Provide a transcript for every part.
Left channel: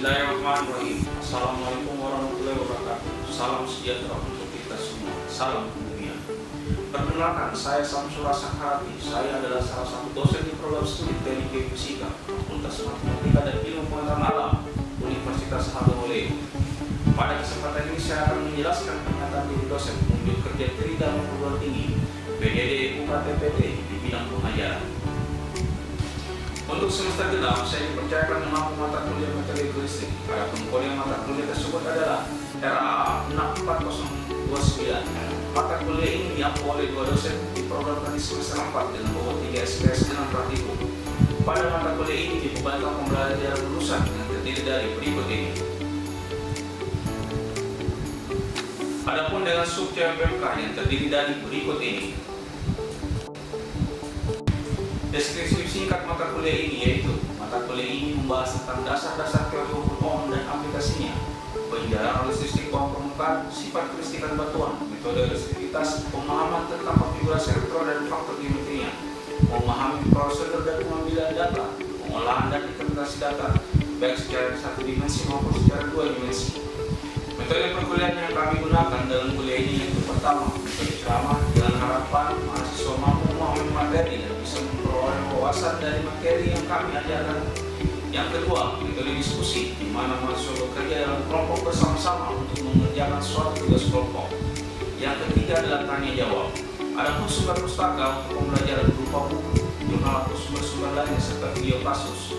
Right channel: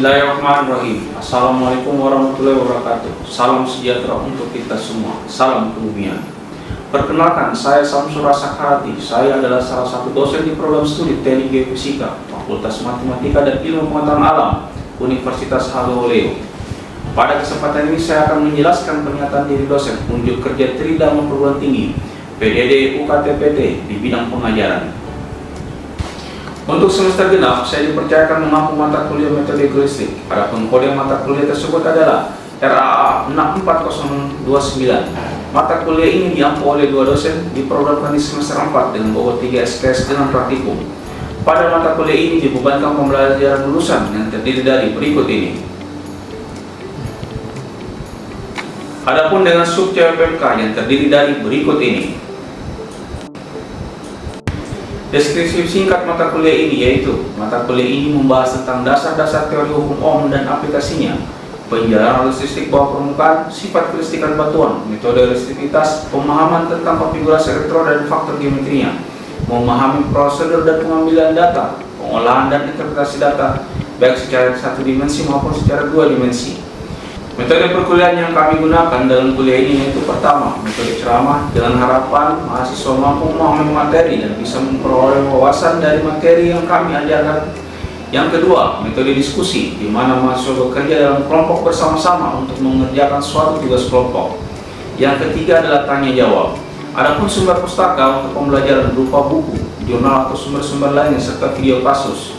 Bismillahirrahmanirrahim. Assalamualaikum warahmatullahi wabarakatuh. Salam sejahtera untuk kita semua. Salam kebumian. Perkenalkan, saya Samsur Sakarati. Saya adalah salah satu dosen di program studi Teknik Geofisika, Fakultas Matematika dan Ilmu Pengetahuan Alam, Universitas Haloleo. Pada kesempatan ini saya akan menjelaskan pernyataan diri dosen unjuk kerja Tridharma Perguruan Tinggi PDD UKTPT di bidang pengajaran. Untuk semester genap, saya dipercayakan mengampu mata kuliah metode geometrik. Adapun kode mata kuliah tersebut adalah RAA 64029. Mata kuliah ini diampu oleh dua dosen di program di semester 4 dengan bobot 3 SKS dengan praktikum. Pada mata kuliah ini dibebankan pembelajaran lulusan yang terdiri dari berikut ini. Adapun dengan sub CPMK yang terdiri dari berikut ini. Deskripsi singkat mata kuliah ini yaitu mata kuliah ini membahas tentang dasar-dasar teori hukum Ohm dan aplikasinya, penjelasan listrik bawah permukaan, sifat kelistrikan batuan, metode listrikitas, pemahaman tentang konfigurasi elektroda dan faktor geometrinya, memahami prosedur dan pengambilan data, pengolahan dan interpretasi data baik secara satu dimensi maupun secara dua dimensi. Metode perkuliahan yang kami gunakan dalam kuliah ini yaitu pertama, metode ceramah dengan harapan mahasiswa mampu memahami materi dan bisa memperoleh wawasan dari materi yang kami ajarkan. Yang kedua, metode diskusi, di mana mahasiswa bekerja dalam kelompok bersama-sama untuk mengerjakan suatu tugas kelompok. Yang ketiga adalah tanya jawab. Adapun sumber pustaka untuk pembelajaran berupa buku, jurnal atau sumber-sumber lainnya serta video kasus.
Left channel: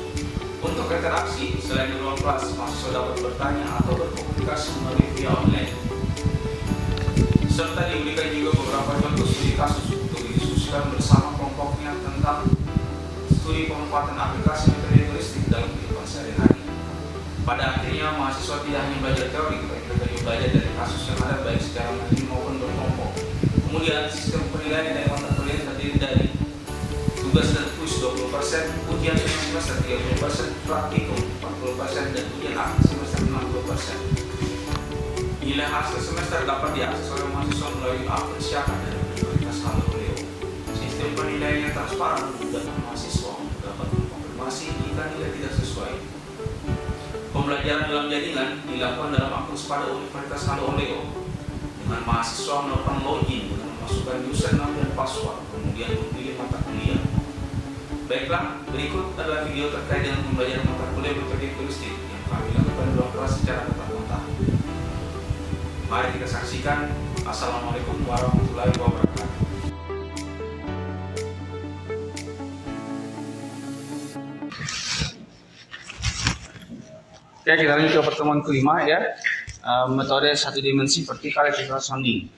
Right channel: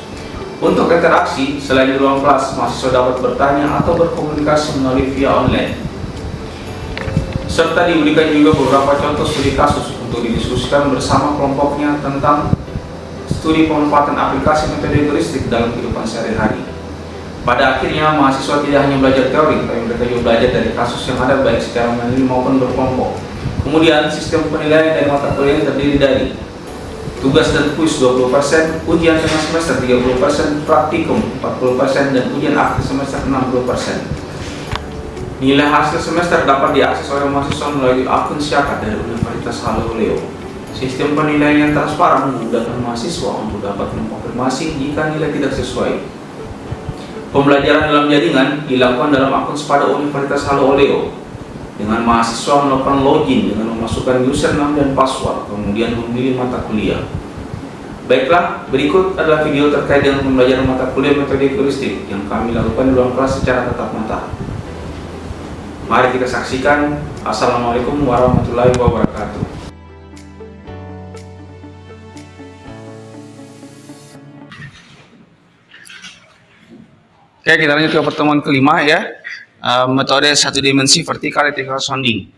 Untuk interaksi, selain di ruang kelas, mahasiswa dapat bertanya atau berkomunikasi melalui via online. Serta diberikan juga beberapa contoh studi kasus untuk didiskusikan bersama kelompoknya tentang studi pemanfaatan aplikasi metode geometrik dalam kehidupan sehari-hari. Pada akhirnya, mahasiswa tidak hanya belajar teori, tapi mereka juga belajar dari kasus yang ada baik secara mandiri maupun berkelompok. Kemudian, sistem penilaian dari mata kuliah terdiri dari tugas dan kuis 20%, ujian tengah semester 30%, praktikum 40%, dan ujian akhir semester 60%. Nilai hasil semester dapat diakses oleh mahasiswa melalui akun Syaka dari Universitas Haloleo. Sistem penilaian yang transparan memudahkan mahasiswa untuk dapat mengkonfirmasi jika nilai tidak sesuai. Pembelajaran dalam jaringan dilakukan dalam akun Sepada Universitas Haloleo, dengan mahasiswa melakukan login dengan memasukkan username dan password, kemudian memilih mata kuliah. Baiklah, berikut adalah video terkait dengan pembelajaran mata kuliah metode geometrik yang kami lakukan di ruang kelas secara tatap muka. Mari kita saksikan. Assalamualaikum warahmatullahi wabarakatuh. Oke, kita lanjut ke pertemuan kelima ya. Metode satu dimensi vertikal electrical sounding.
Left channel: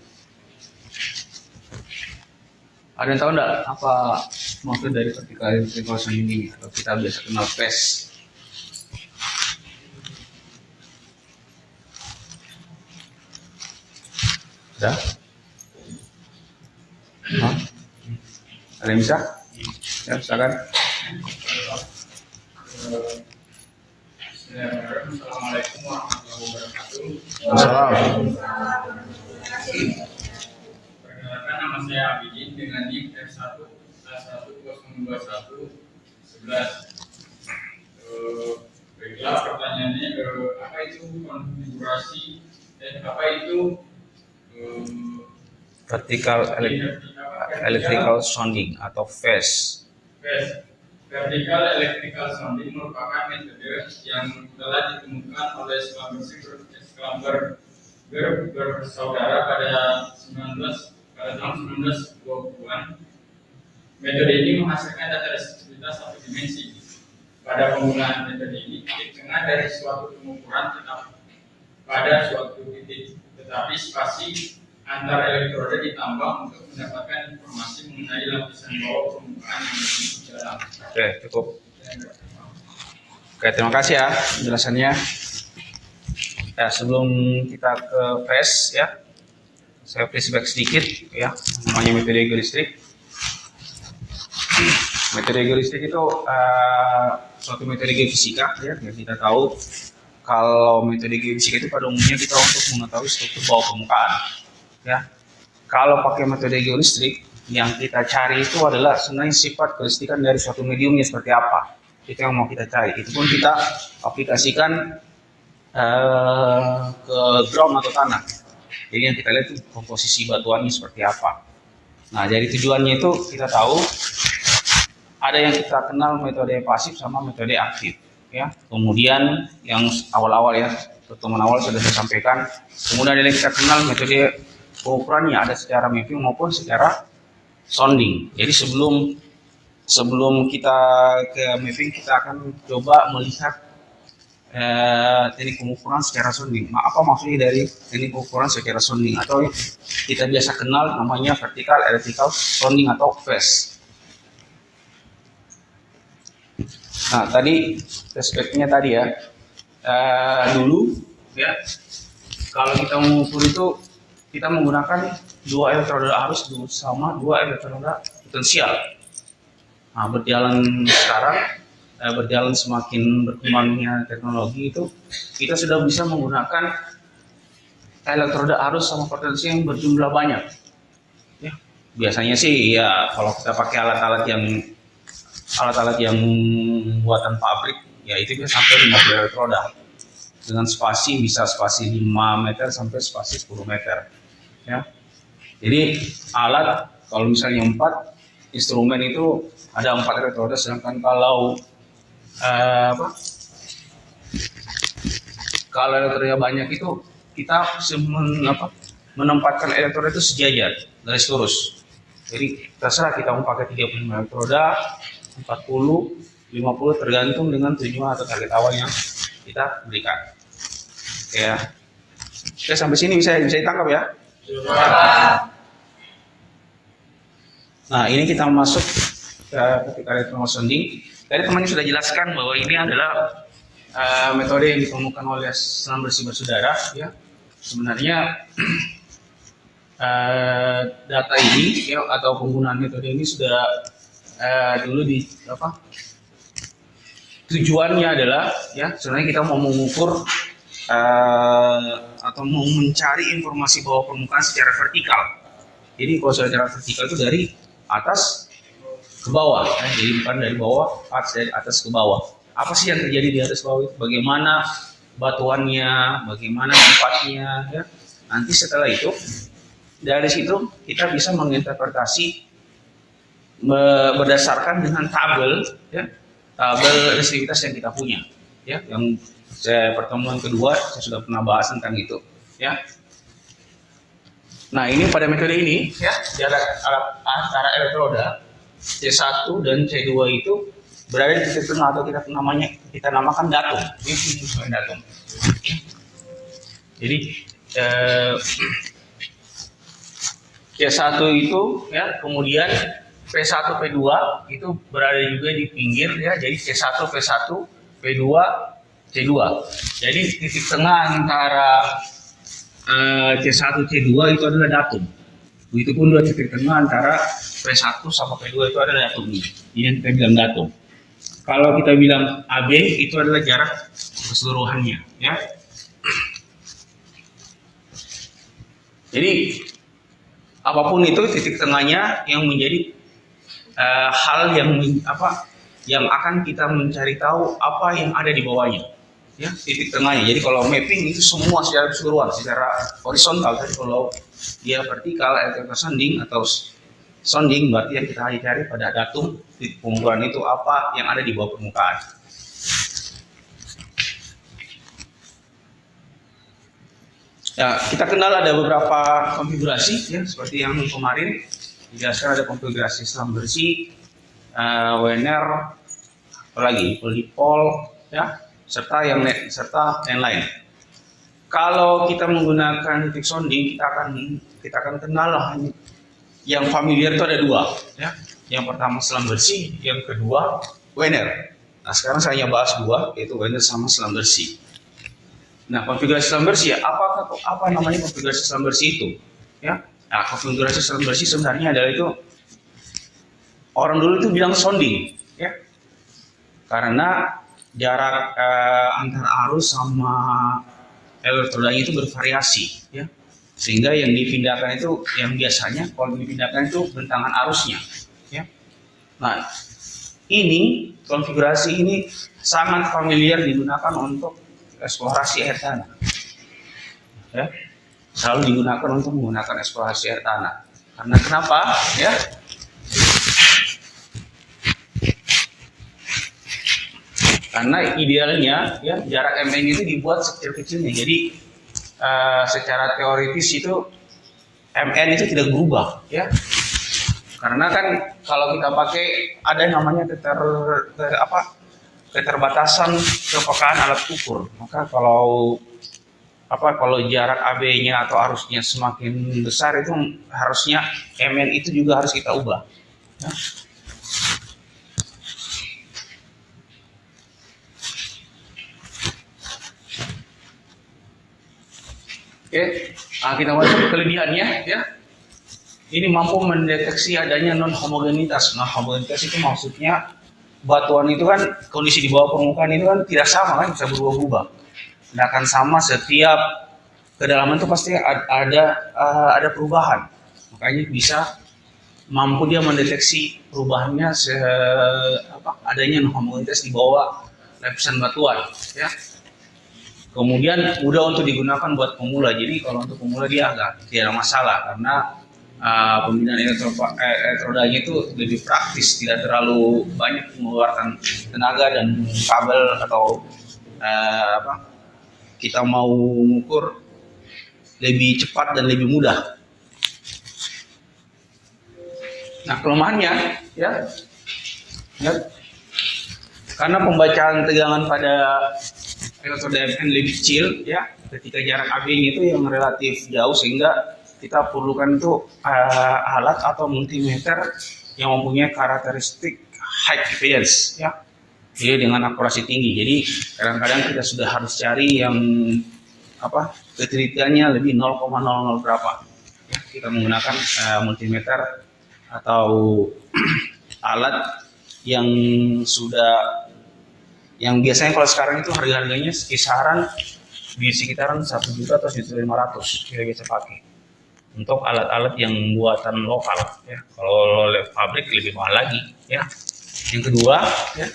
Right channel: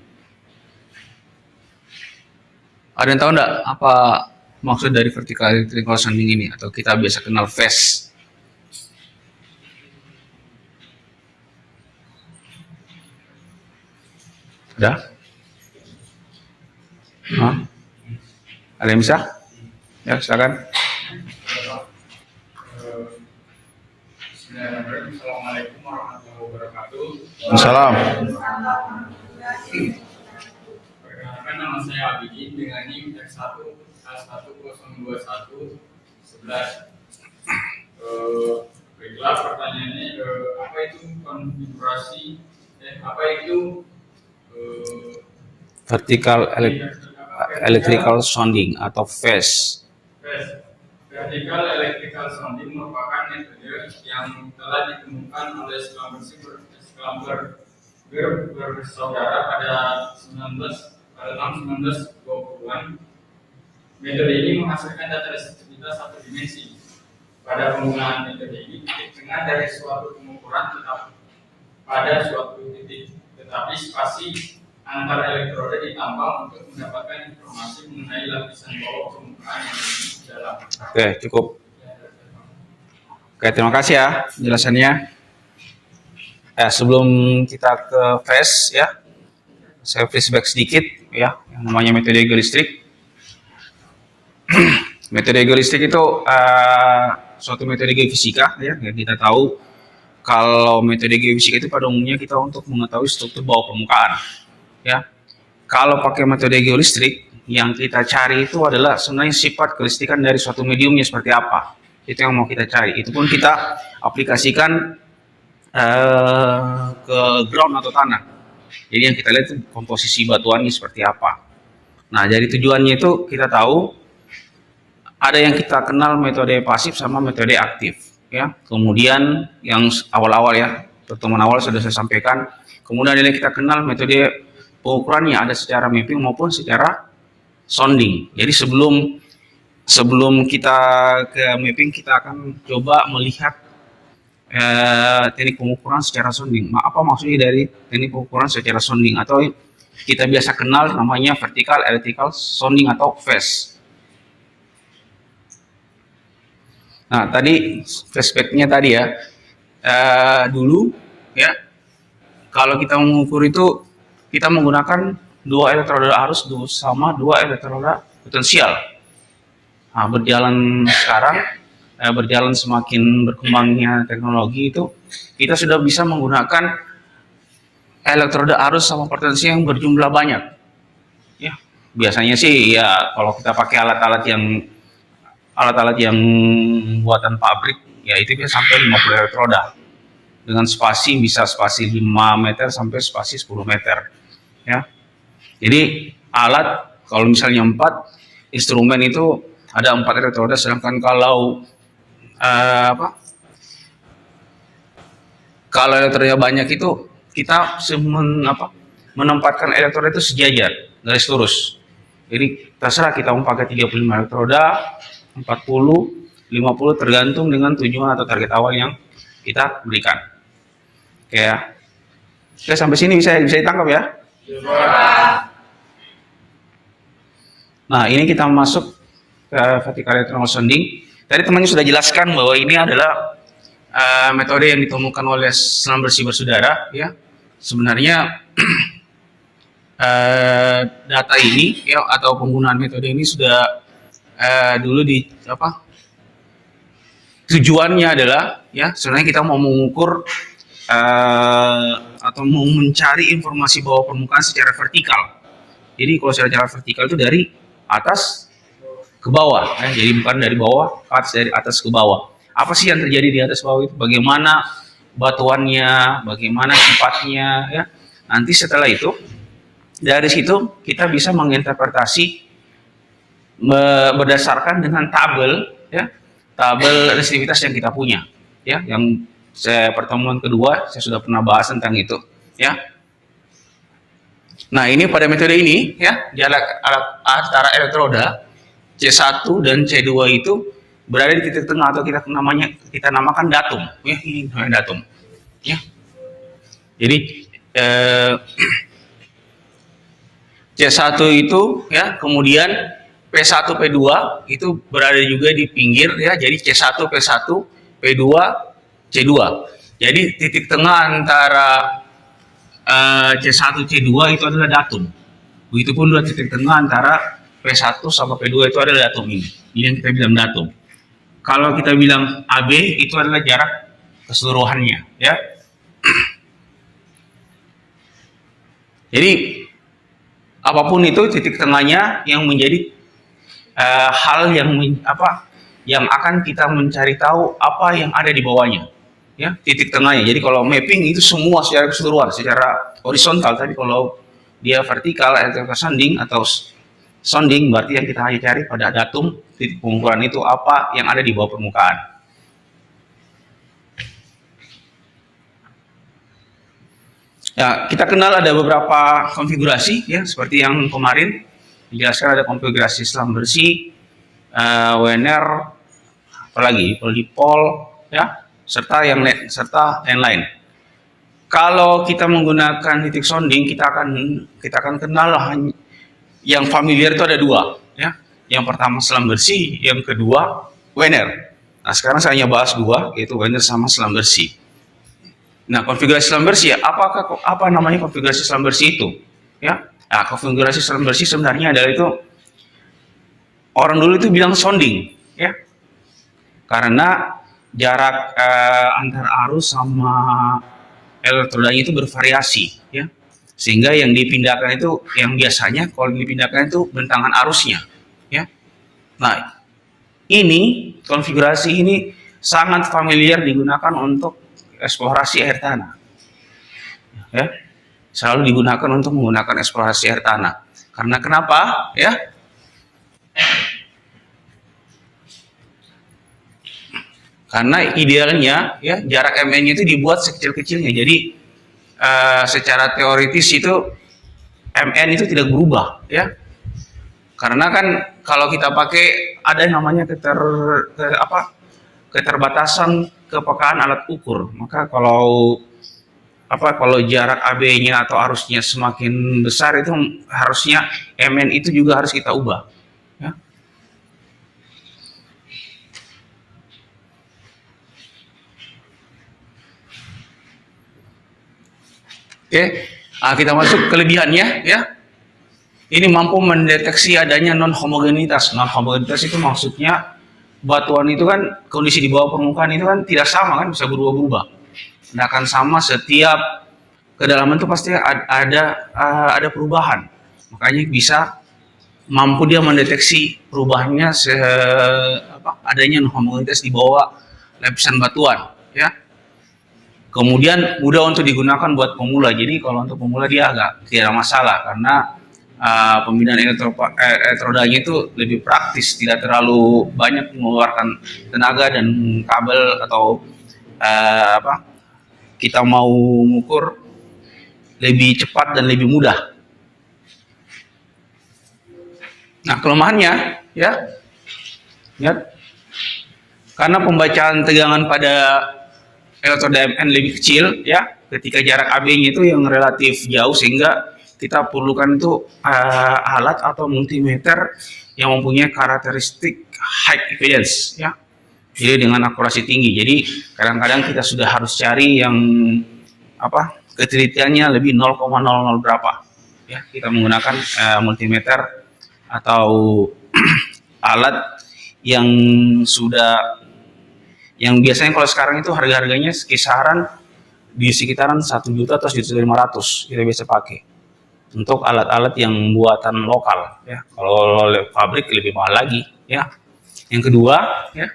Ada yang tahu enggak apa maksud dari vertikal electrical sounding ini, atau kita biasa kenal phase? Ada? Ada yang bisa? Ya, silakan. Assalamualaikum warahmatullahi wabarakatuh. Assalamualaikum. Perkenalkan, nama saya Abidin dengan NIM F1A102111. Baiklah, pertanyaannya apa itu konfigurasi apa itu Vertical electrical sounding atau phase. Vertical electrical sounding merupakan metode yang telah ditemukan oleh Schlumberger bersaudara pada tahun 1920-an. Metode ini menghasilkan data restriktivitas satu dimensi. Pada penggunaan metode ini, titik tengah dari suatu pengukuran tetap pada suatu titik, tetapi spasi antar elektroda ditambah untuk mendapatkan informasi mengenai lapisan bawah permukaan yang lebih dalam. Oke, cukup. Oke, terima kasih ya penjelasannya. Sebelum kita ke phase ya, saya flashback sedikit ya, namanya metode geolistrik. Metode geolistrik itu suatu metode geofisika ya, yang kita tahu kalau metode geofisika itu pada umumnya kita untuk mengetahui struktur bawah permukaan ya. Kalau pakai metode geolistrik, yang kita cari itu adalah sebenarnya sifat kelistrikan dari suatu mediumnya seperti apa. Itu yang mau kita cari. Itu pun kita aplikasikan ke ground atau tanah. Jadi yang kita lihat itu komposisi batuannya seperti apa. Nah, jadi tujuannya itu kita tahu ada yang kita kenal metode pasif sama metode aktif, ya. Kemudian yang awal-awal ya, pertemuan awal sudah saya sampaikan. Kemudian ada yang kita kenal metode pengukurannya ada secara mapping maupun secara sounding. Jadi sebelum kita ke mapping, kita akan coba melihat teknik pengukuran secara sounding. Apa maksudnya dari teknik pengukuran secara sounding, atau kita biasa kenal namanya vertical electrical sounding atau VES. Nah, tadi flashbacknya tadi ya, dulu ya, kalau kita mengukur itu kita menggunakan 2 elektroda arus sama 2 elektroda potensial. Nah, berjalan semakin berkembangnya teknologi itu, kita sudah bisa menggunakan elektroda arus sama potensi yang berjumlah banyak. Ya, biasanya sih ya kalau kita pakai alat-alat yang buatan pabrik, ya itu bisa sampai 50 elektroda dengan bisa spasi 5 meter sampai spasi 10 meter. Ya, jadi alat kalau misalnya 4 instrumen itu ada 4 elektroda, sedangkan kalau kalau elektroda banyak itu kita menempatkan elektroda itu sejajar, garis lurus. Jadi terserah kita mau pakai 35 elektroda, 40, 50 tergantung dengan tujuan atau target awal yang kita berikan. Ya. Oke, sampai sini bisa ditangkap ya. Nah, ini kita masuk ke vertical electrical sounding. Tadi temannya sudah jelaskan bahwa ini adalah metode yang ditemukan oleh Selam Bersih Bersaudara. Ya, sebenarnya data ini ya, atau penggunaan metode ini sudah dulu tujuannya adalah ya, sebenarnya kita mau mengukur atau mau mencari informasi bawah permukaan secara vertikal. Jadi kalau secara vertikal itu dari atas ke bawah, jadi bukan dari bawah ke atas, dari atas ke bawah. Apa sih yang terjadi di atas bawah itu? Bagaimana batuannya, bagaimana sifatnya, ya. Nanti setelah itu, dari situ kita bisa menginterpretasi berdasarkan dengan tabel, ya, tabel resistivitas yang kita punya, ya. Yang pertemuan kedua saya sudah pernah bahas tentang itu, ya. Nah, ini pada metode ini, ya, jarak antara elektroda C1 dan C2 itu berada di titik tengah, atau kita namakan datum. Ini datum. Ya. Jadi C1 itu ya, kemudian P1 P2 itu berada juga di pinggir ya. Jadi C1 P1, P2 C2. Jadi titik tengah antara C1 C2 itu adalah datum. Begitupun dua titik tengah antara P1 sama P2 itu adalah datum ini. Ini yang kita bilang datum. Kalau kita bilang AB itu adalah jarak keseluruhannya, ya. Jadi apapun itu titik tengahnya yang menjadi hal yang akan kita mencari tahu apa yang ada di bawahnya, ya, titik tengahnya. Jadi kalau mapping itu semua secara keseluruhan, secara horizontal. Tadi kalau dia vertikal, electrical sounding atau sounding, berarti yang kita hanya cari pada datum titik pengukuran itu apa yang ada di bawah permukaan. Ya, kita kenal ada beberapa konfigurasi ya, seperti yang kemarin dijelaskan, ada konfigurasi selam bersih, WNR, apalagi polipol, ya, serta yang lain. Kalau kita menggunakan titik sounding, kita akan kenal yang familiar itu ada dua, ya. Yang pertama selam bersih, yang kedua WNR. Nah, sekarang saya hanya bahas dua, yaitu WNR sama selam bersih. Nah, konfigurasi selam bersih, apa namanya konfigurasi selam bersih itu? Ya, nah, konfigurasi selam bersih sebenarnya adalah itu, orang dulu itu bilang sounding, ya, karena jarak antar arus sama elektrodanya itu bervariasi, ya. Sehingga yang dipindahkan itu, yang biasanya kalau dipindahkan itu bentangan arusnya, ya. Nah, ini konfigurasi ini sangat familiar digunakan untuk eksplorasi air tanah. Ya, selalu digunakan untuk menggunakan eksplorasi air tanah. Karena kenapa? Ya, karena idealnya ya jarak MN itu dibuat sekecil-kecilnya. Jadi secara teoritis itu MN itu tidak berubah, ya. Karena kan kalau kita pakai ada namanya keterbatasan kepekaan alat ukur. Maka kalau jarak AB-nya atau arusnya semakin besar itu harusnya MN itu juga harus kita ubah. Ya. Oke, kita masuk kelebihannya, ya. Ini mampu mendeteksi adanya non-homogenitas. Non-homogenitas itu maksudnya batuan itu kan kondisi di bawah permukaan itu kan tidak sama kan, bisa berubah-ubah. Tidak akan sama setiap kedalaman itu pasti ada perubahan. Makanya bisa mampu dia mendeteksi perubahannya adanya non-homogenitas di bawah lapisan batuan, ya. Kemudian mudah untuk digunakan buat pemula. Jadi kalau untuk pemula dia agak tidak masalah karena pembinaan elektrodanya itu lebih praktis, tidak terlalu banyak mengeluarkan tenaga dan kabel atau kita mau mengukur lebih cepat dan lebih mudah. Nah, kelemahannya ya karena pembacaan tegangan pada elektroda MN lebih kecil, ya, ketika jarak AB-nya itu yang relatif jauh sehingga kita perlukan itu alat atau multimeter yang mempunyai karakteristik high impedance, ya. Jadi dengan akurasi tinggi. Jadi kadang-kadang kita sudah harus cari yang ketelitiannya lebih 0,00 berapa. Ya, kita menggunakan multimeter atau alat yang biasanya kalau sekarang itu harga-harganya kisaran di sekitaran 1 juta atau 1.500.000 kita bisa pakai untuk alat-alat yang buatan lokal, ya. Kalau pabrik lebih mahal lagi, ya. Yang kedua, ya,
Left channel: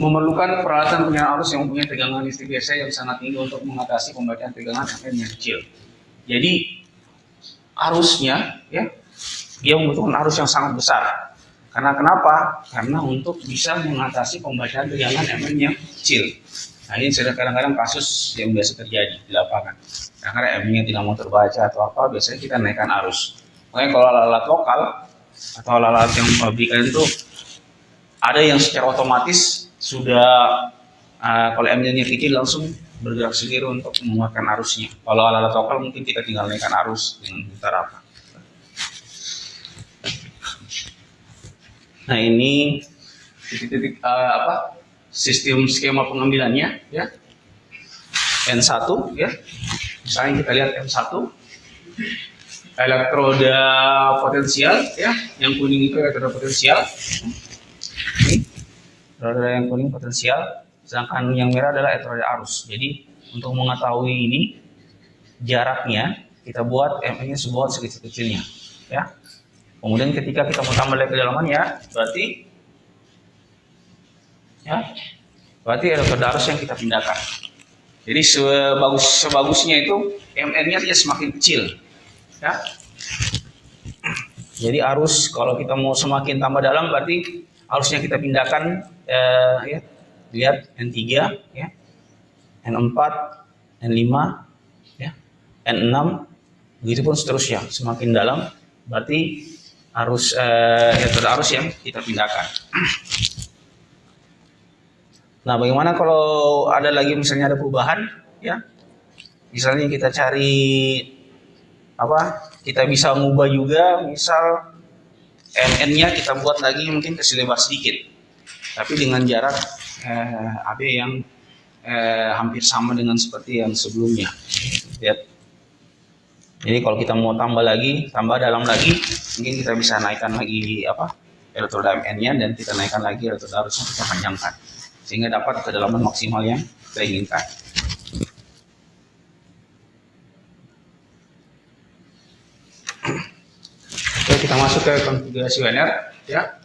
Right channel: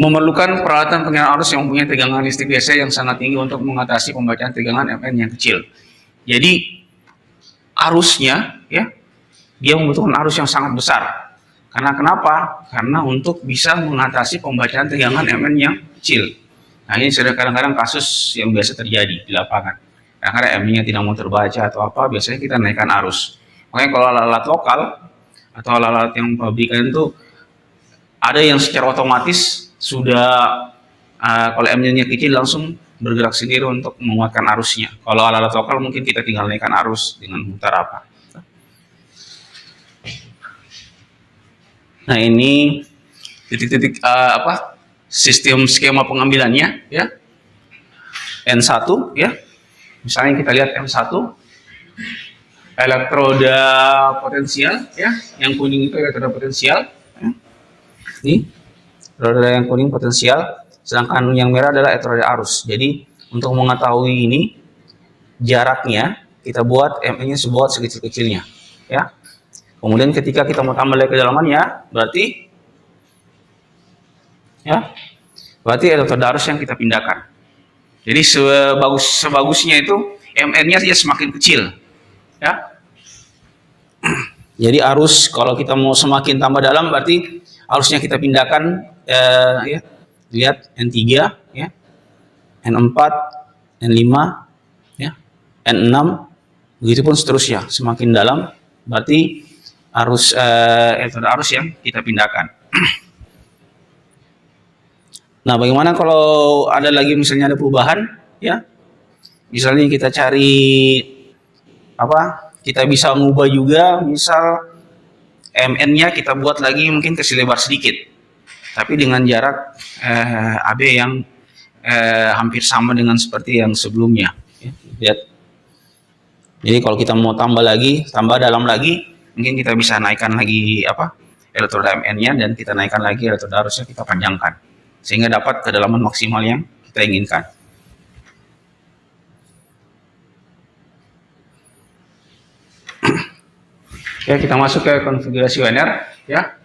memerlukan peralatan pengiraan arus yang mempunyai tegangan listrik biasa yang sangat tinggi untuk mengatasi pembacaan tegangan MN yang kecil. Jadi arusnya, ya, dia membutuhkan arus yang sangat besar. Karena kenapa? Karena untuk bisa mengatasi pembacaan tegangan MN yang kecil. Nah, ini sudah kadang-kadang kasus yang biasa terjadi di lapangan. Karena MN-nya tidak mau terbaca atau apa, biasanya kita naikkan arus. Makanya kalau alat-alat lokal atau alat-alat yang pabrikan itu ada yang secara otomatis sudah kalau MN-nya kecil langsung bergerak sendiri untuk menguatkan arusnya. Kalau alat-alat lokal mungkin kita tinggal naikkan arus dengan mutar apa. Nah, ini titik-titik sistem skema pengambilannya, ya. N1, ya. Misalnya kita lihat M1 elektroda potensial, ya. Yang kuning itu elektroda potensial. Ini elektroda yang kuning potensial, sedangkan yang merah adalah elektroda arus. Jadi untuk mengetahui ini jaraknya kita buat MN-nya sebuat sekecil-kecilnya, ya. Kemudian ketika kita mau tambah lagi kedalamannya, berarti elektroda arus yang kita pindahkan. Jadi sebagusnya itu MN-nya dia semakin kecil, ya. Jadi arus kalau kita mau semakin tambah dalam berarti arusnya kita pindahkan, ya. Lihat N3, ya. N4, N5, ya. N6, begitupun seterusnya. Semakin dalam berarti arus elektroda arus yang kita pindahkan. Nah, bagaimana kalau ada lagi misalnya ada perubahan, ya? Misalnya kita cari kita bisa mengubah juga, misal MN-nya kita buat lagi mungkin kasih lebar sedikit, tapi dengan jarak AB yang hampir sama dengan seperti yang sebelumnya. Lihat. Jadi kalau kita mau tambah dalam lagi, mungkin kita bisa naikkan lagi elektroda MN-nya dan kita naikkan lagi elektroda arusnya, kita panjangkan sehingga dapat kedalaman maksimal yang kita inginkan. Oke, kita masuk ke konfigurasi wener, ya.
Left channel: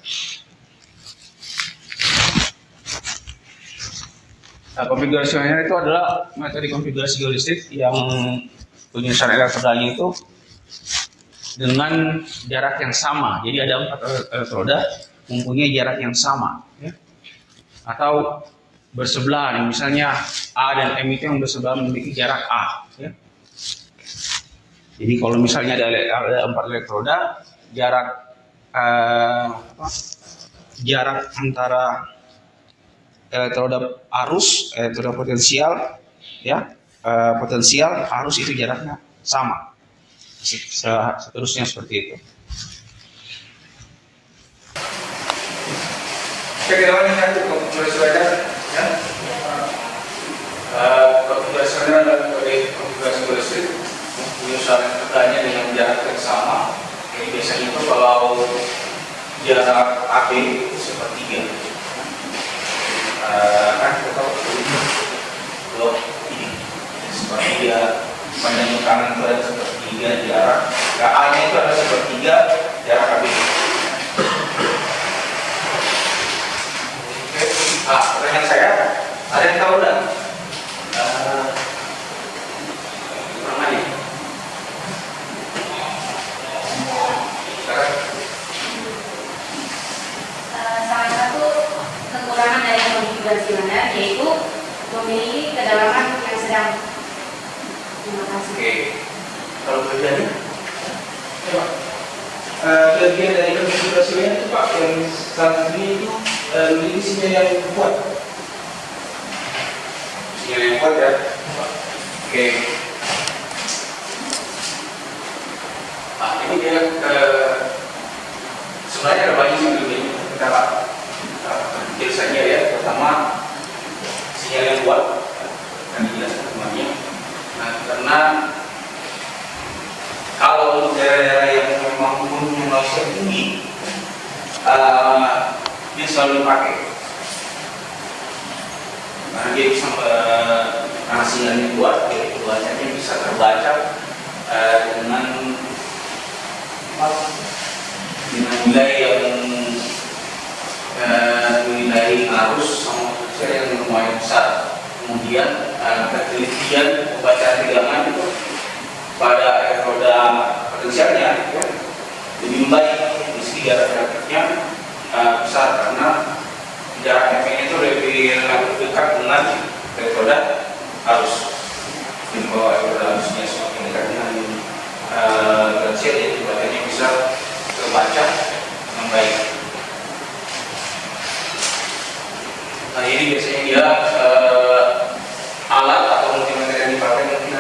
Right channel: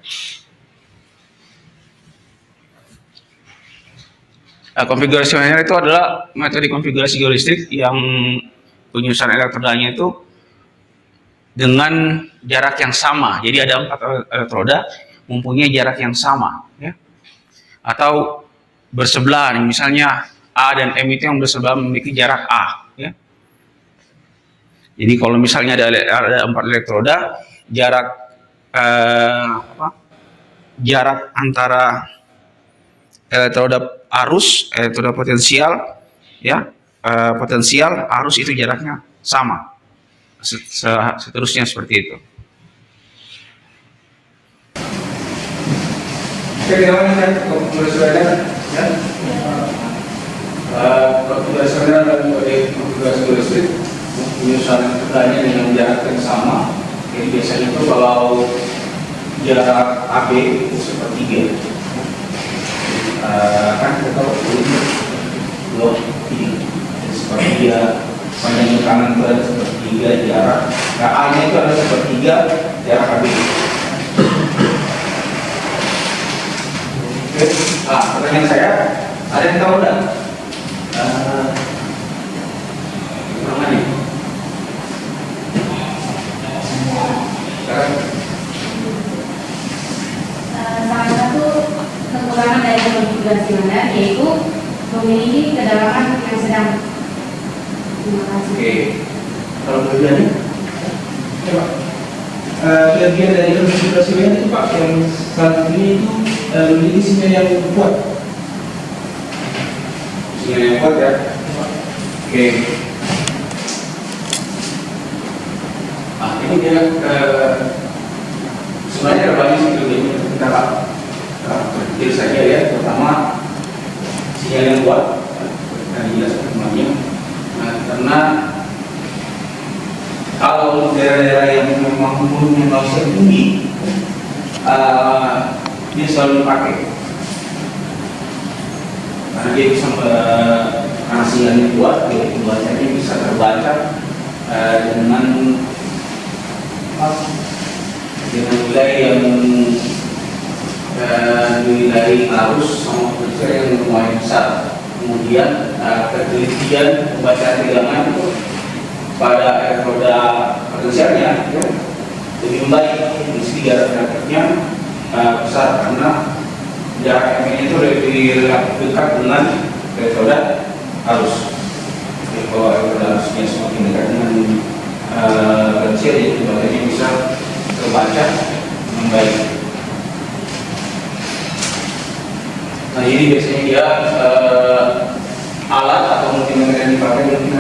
Konfigurasi manual itu adalah metode konfigurasi geolistrik yang penyusunan elektrodanya itu dengan jarak yang sama. Jadi ada 4 elektroda mempunyai jarak yang sama, ya. Atau bersebelahan, misalnya A dan M itu yang bersebelahan memiliki jarak A, ya. Jadi kalau misalnya ada 4 elektroda, jarak antara elektroda arus, elektroda potensial, ya, potensial arus itu jaraknya sama. Seterusnya seperti itu. Oke, kita lanjutkan konfigurasi radar, ya. Konfigurasi radar adalah metode konfigurasi geolistrik penyusunan elektrodanya dengan jarak yang sama. Jadi biasanya itu kalau jarak AB itu sepertiga. Kan kita tahu blok ini sepertiga, panjang kanan itu ada sepertiga jarak, A nya itu ada sepertiga jarak AB. Oke, pertanyaan saya, ada yang tahu nggak kekurangannya? Salah satu kekurangan dari konfigurasi radar yaitu memiliki kedalaman yang sedang. Terima kasih. Oke, kalau kelebihannya? Ya, Pak. Kelebihan dari konfigurasi radar itu Pak, yang saat ini itu memiliki sinyal yang kuat. Sinyal yang kuat, ya. Oke. Ini dia sebenarnya ada banyak sih kelebihannya. Kita kecil saja, ya. Pertama, sinyal yang kuat, akan dijelaskan semuanya. Nah, karena kalau daerah-daerah yang memang mempunyai langsung tinggi, dia selalu dipakai karena dia bisa karena sinyalnya kuat, jadi bacanya bisa terbaca dengan nilai yang nilai arus sama potensial yang lumayan besar. Kemudian ketelitian pembacaan tegangan itu pada elektroda potensialnya, ya, lebih baik. Di segi jaraknya besar karena jarak M itu lebih relatif dekat dengan elektroda arus. Jadi kalau elektroda arusnya semakin dekat dengan potensial, jadi bacanya bisa terbaca dengan baik. Nah, ini biasanya dia alat atau multimeter yang dipakai mungkin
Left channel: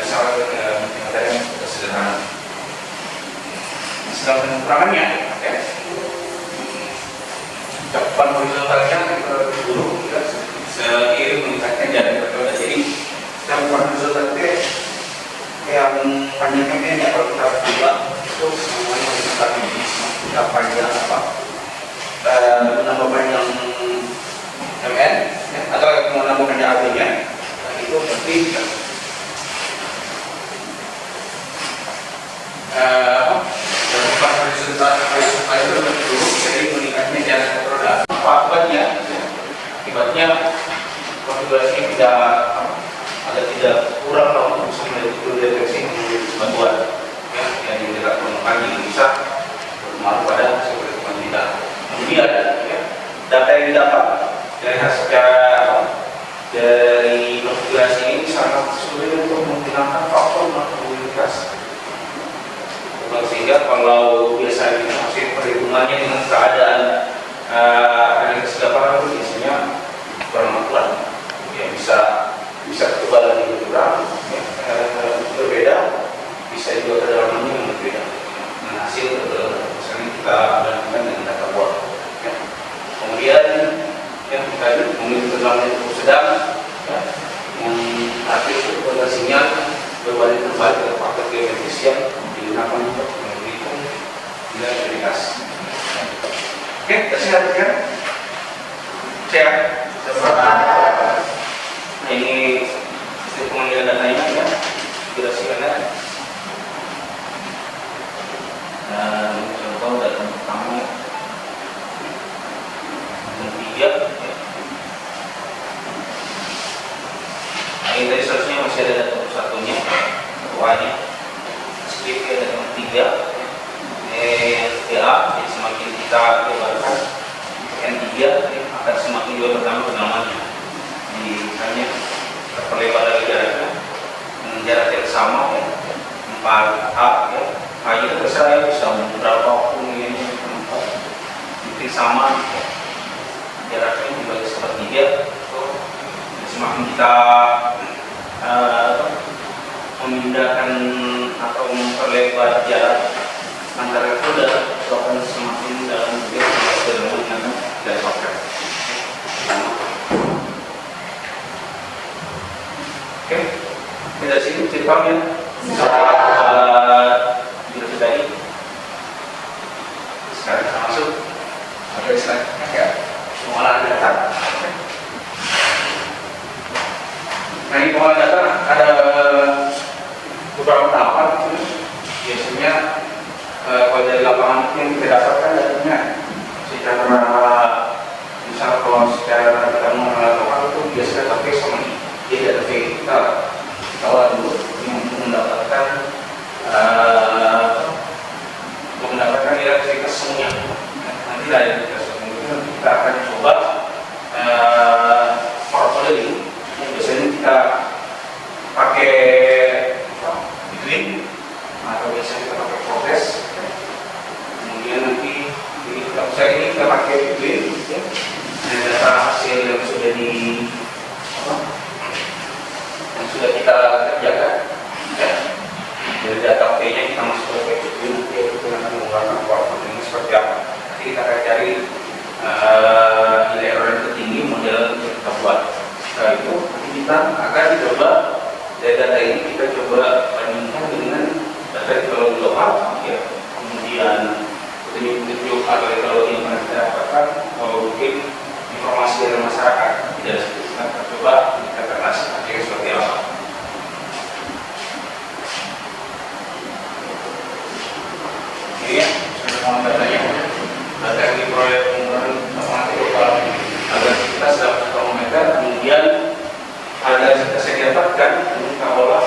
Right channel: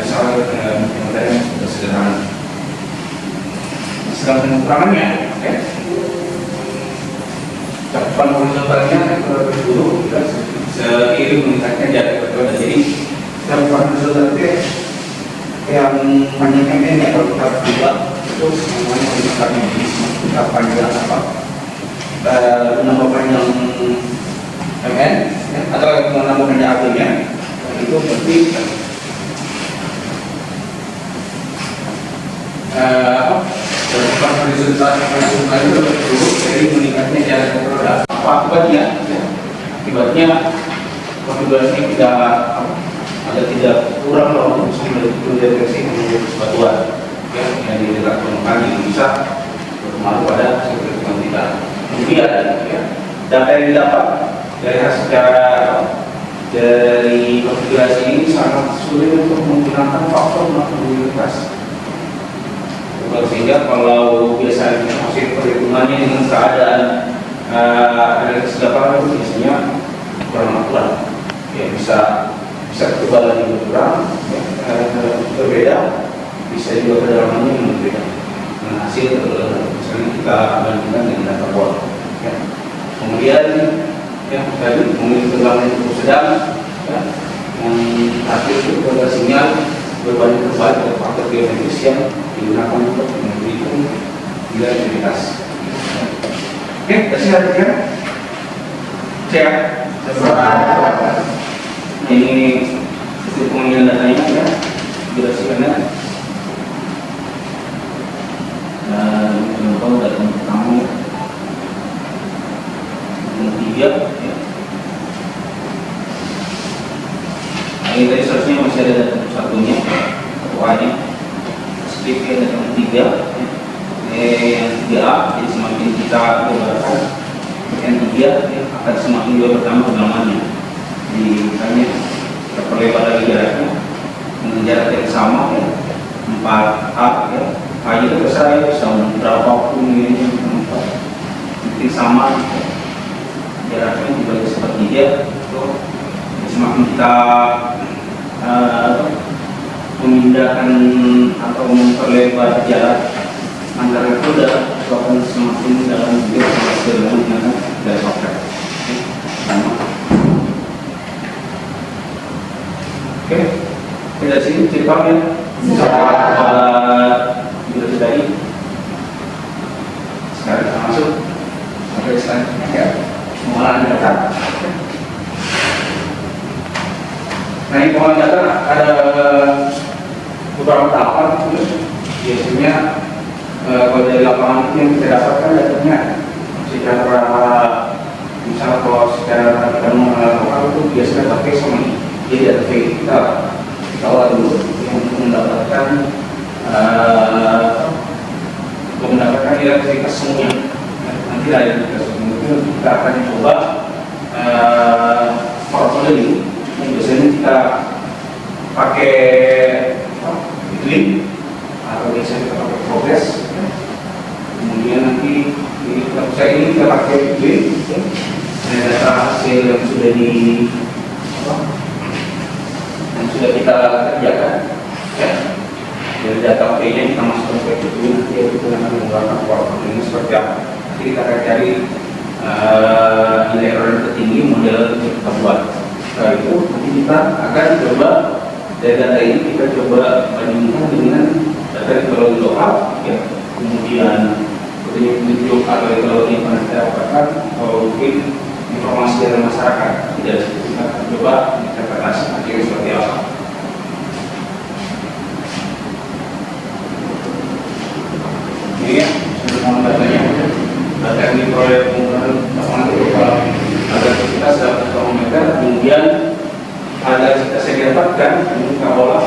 misalnya multimeter yang sudah sederhana. Sedangkan kekurangannya, ya, cakupan horizontalnya lebih buruk, ya, seiring meningkatnya jarak elektroda. Jadi cakupan horizontal itu yang panjang MN, ya, kalau kita buka itu semuanya horizontalnya, jadi kita panjang menambah panjang MN, ya, atau menambah panjang AB-nya, itu berarti cakupan horizontal itu lebih buruk, jadi meningkatnya jarak elektroda. Apa akibatnya? Ya, akibatnya konfigurasinya tidak kurang untuk bisa mendeteksi batuan, ya, yang dilakukan kembali bisa berpengaruh pada hasil perhitungan kita. Kemudian, ya, data yang didapat dari konfigurasi ini sangat sulit untuk menggunakan faktor probabilitas. Sehingga kalau biasanya hasil perhitungannya dengan keadaan analisis lapangan itu biasanya kurang akurat, ya, bisa ketebalan yang kurang, ya, berbeda, bisa juga kedalamannya yang berbeda. Nah, hasil misalnya kita bandingkan dengan data bot, ya. Kemudian, ya, tadi memiliki kedalaman yang cukup sedang, ya, yang hasil itu sinyal berbanding terbalik pada faktor geometris yang digunakan untuk menghitung nilai identitas. Oke, sehat, ya. Sehat. Ini hasil pengambilan datanya, ya, durasikannya. Dan contoh data pertama yang 3, ya. Ini tadi seharusnya masih ada data satunya, ketuanya, skrip ada yang 3, yang 3A, jadi semakin kita lebarkan yang 3 akan semakin juga bertambah kedalamannya. Jadi misalnya kita perlebar lagi jaraknya dengan jarak yang sama ya, 4A ya, A itu terserah ya, bisa berapapun ini, mungkin sama ya. Jaraknya dibagi sepertiga, semakin kita memindahkan atau memperlebar jarak antara roda itu akan semakin dalam juga semakin menggunakan dari software. Oke, dari sini ceritanya video tadi. Sekarang kita masuk ke selanjutnya ya, pengolahan data. Nah, ini pengolahan data ada beberapa tahapan. Biasanya kalau dari lapangan yang kita dapatkan datanya secara misal kalau secara kita melakukan itu biasanya pakai Sony. Jadi ada kita awal dulu yang mendapatkan identitas semuanya. Nanti ada identitas semuanya kita akan coba modeling yang biasanya kita pakai Bitwin atau biasanya kita pakai progress. Kemudian nanti ini kita pakai Bitwin, ada data hasil yang sudah sudah kita kerjakan ya. Dari data P-nya kita masukkan ke Bitwin, nanti itu akan mengeluarkan format ini seperti apa. Nanti kita akan cari nilai error yang tertinggi model yang kita buat. Setelah itu nanti kita akan coba dari data ini kita coba bandingkan dengan data teknologi lokal ya. Kemudian petunjuk atau teknologi yang pernah kita dapatkan atau mungkin informasi dari masyarakat. Tidak seperti kita coba interpretasi akhirnya seperti apa. Ini ya, semua datanya. Data yang diperoleh penggunaan lapangan lokal agar kita dapat termometer. Kemudian ada saya dapatkan ini kita olah.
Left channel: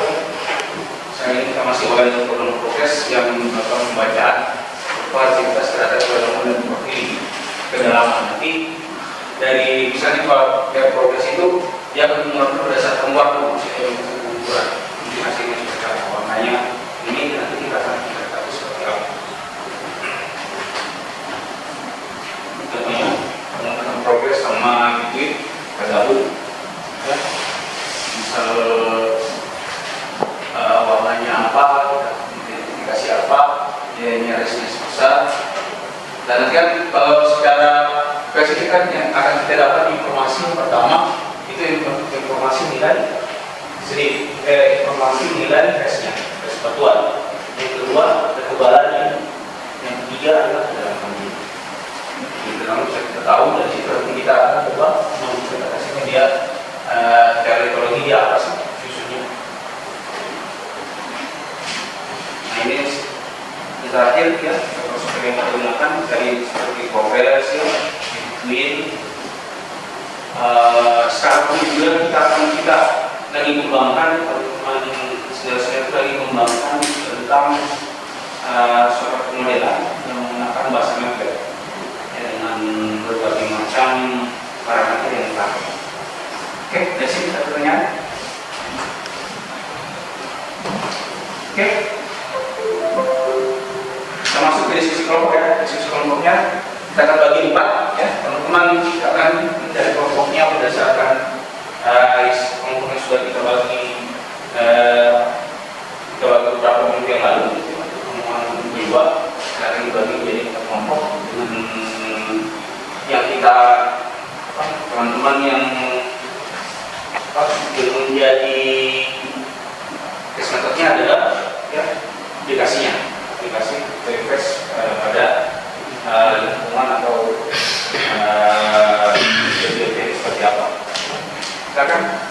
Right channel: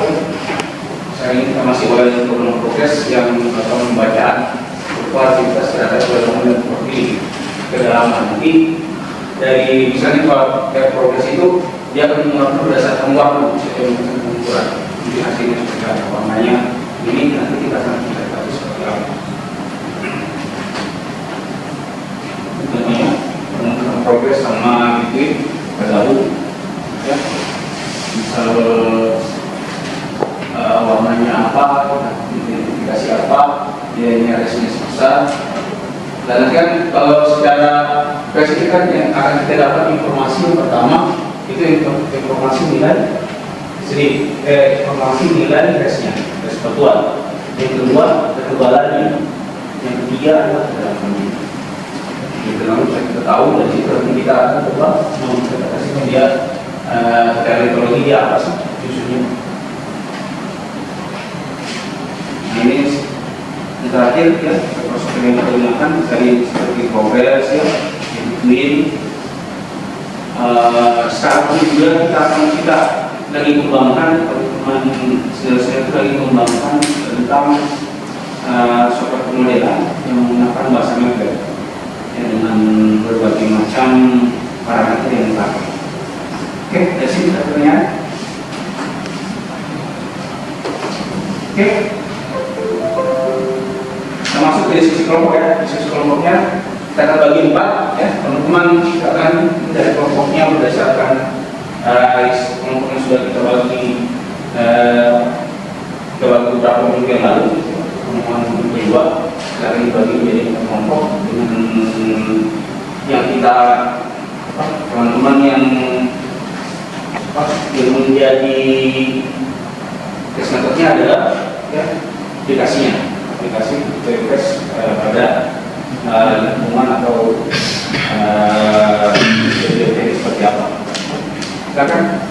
Saya ini kita masih oleh program proses yang pembacaan aktivitas terhadap kedalaman seperti kedalaman. Nanti dari misalnya kalau kayak progres itu dia akan mengatur berdasarkan waktu ukuran. Jadi hasilnya seperti apa warnanya ini nanti kita akan lihat seperti apa. Tentunya pengukuran progres sama Bitwin bergabung ya. Misal warnanya apa, identifikasi apa, dia resnya besar. Dan nanti kan kalau secara spesifik kan yang akan kita dapat informasi yang pertama itu informasi nilai informasi nilai resnya, res batuan. Yang kedua ketebalannya, yang ketiga adalah kedalamannya. Itu nanti bisa kita tahu dari situ nanti kita akan coba menginterpretasikan dia teknologi dia apa sih susunya. Nah ini yang terakhir ya, proses yang kita gunakan dari seperti progress ya, Bitwin. Sekarang ini juga kita lagi kembangkan teman-teman senior-senior itu lagi kembangkan tentang software pemodelan yang menggunakan bahasa MATLAB ya, dengan berbagai macam parameter yang dipakai. Oke, dari sini ada pertanyaan. Oke, kita masuk ke diskusi kelompok ya. Diskusi kelompoknya kita akan bagi 4 ya. Teman-teman kita akan dari kelompoknya berdasarkan kelompok yang sudah kita bagi beberapa minggu yang lalu. Kelompok kedua kita akan dibagi menjadi kelompok dengan yang kita teman-teman yang menjadi metodenya adalah ya, aplikasi request pada lingkungan atau seperti apa. Silakan.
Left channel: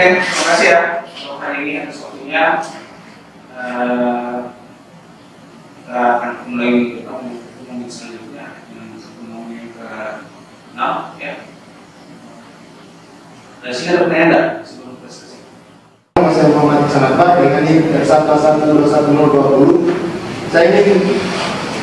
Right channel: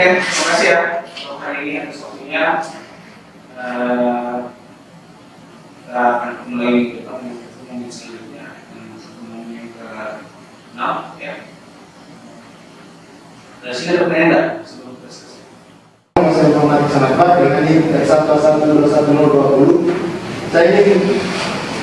Oke, terima kasih ya untuk hari ini atas waktunya. Kita akan ketemu lagi di pertemuan selanjutnya dengan pertemuan yang ke-6 ya. Dari sini ada pertanyaan enggak sebelum kita selesai? Saya Muhammad Sanatbar dengan NIM 1121020. Saya ingin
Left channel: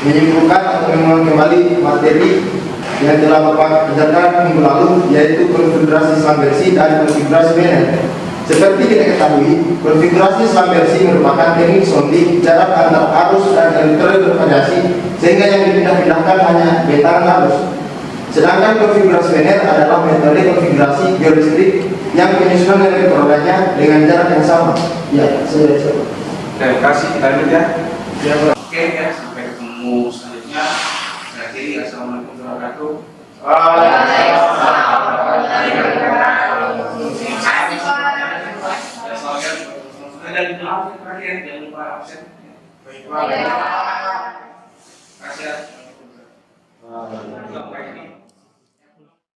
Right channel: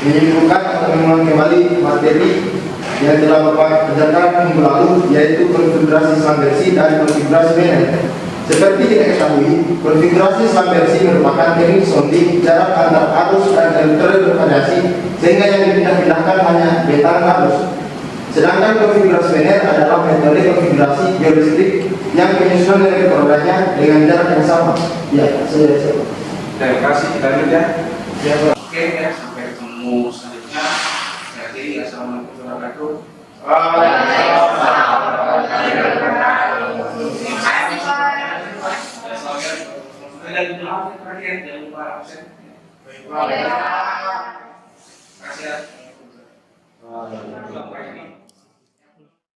menyimpulkan atau mengulang kembali materi yang telah Bapak kerjakan minggu lalu, yaitu konfigurasi Islam versi dan konfigurasi banner. Seperti kita ketahui, konfigurasi Islam versi merupakan teknik sounding jarak antar arus dan elektronik bervariasi, sehingga yang dipindah-pindahkan hanya bentang arus. Sedangkan konfigurasi banner adalah metode konfigurasi geolistrik yang penyusunan elektrodanya dengan jarak yang sama. Ya, saya siap. Terima kasih, kita lanjut ya. Ya, Pak. Oke ya, sampai ketemu selanjutnya. Saya akhiri, assalamualaikum warahmatullahi wabarakatuh. Dan jangan lupa absen.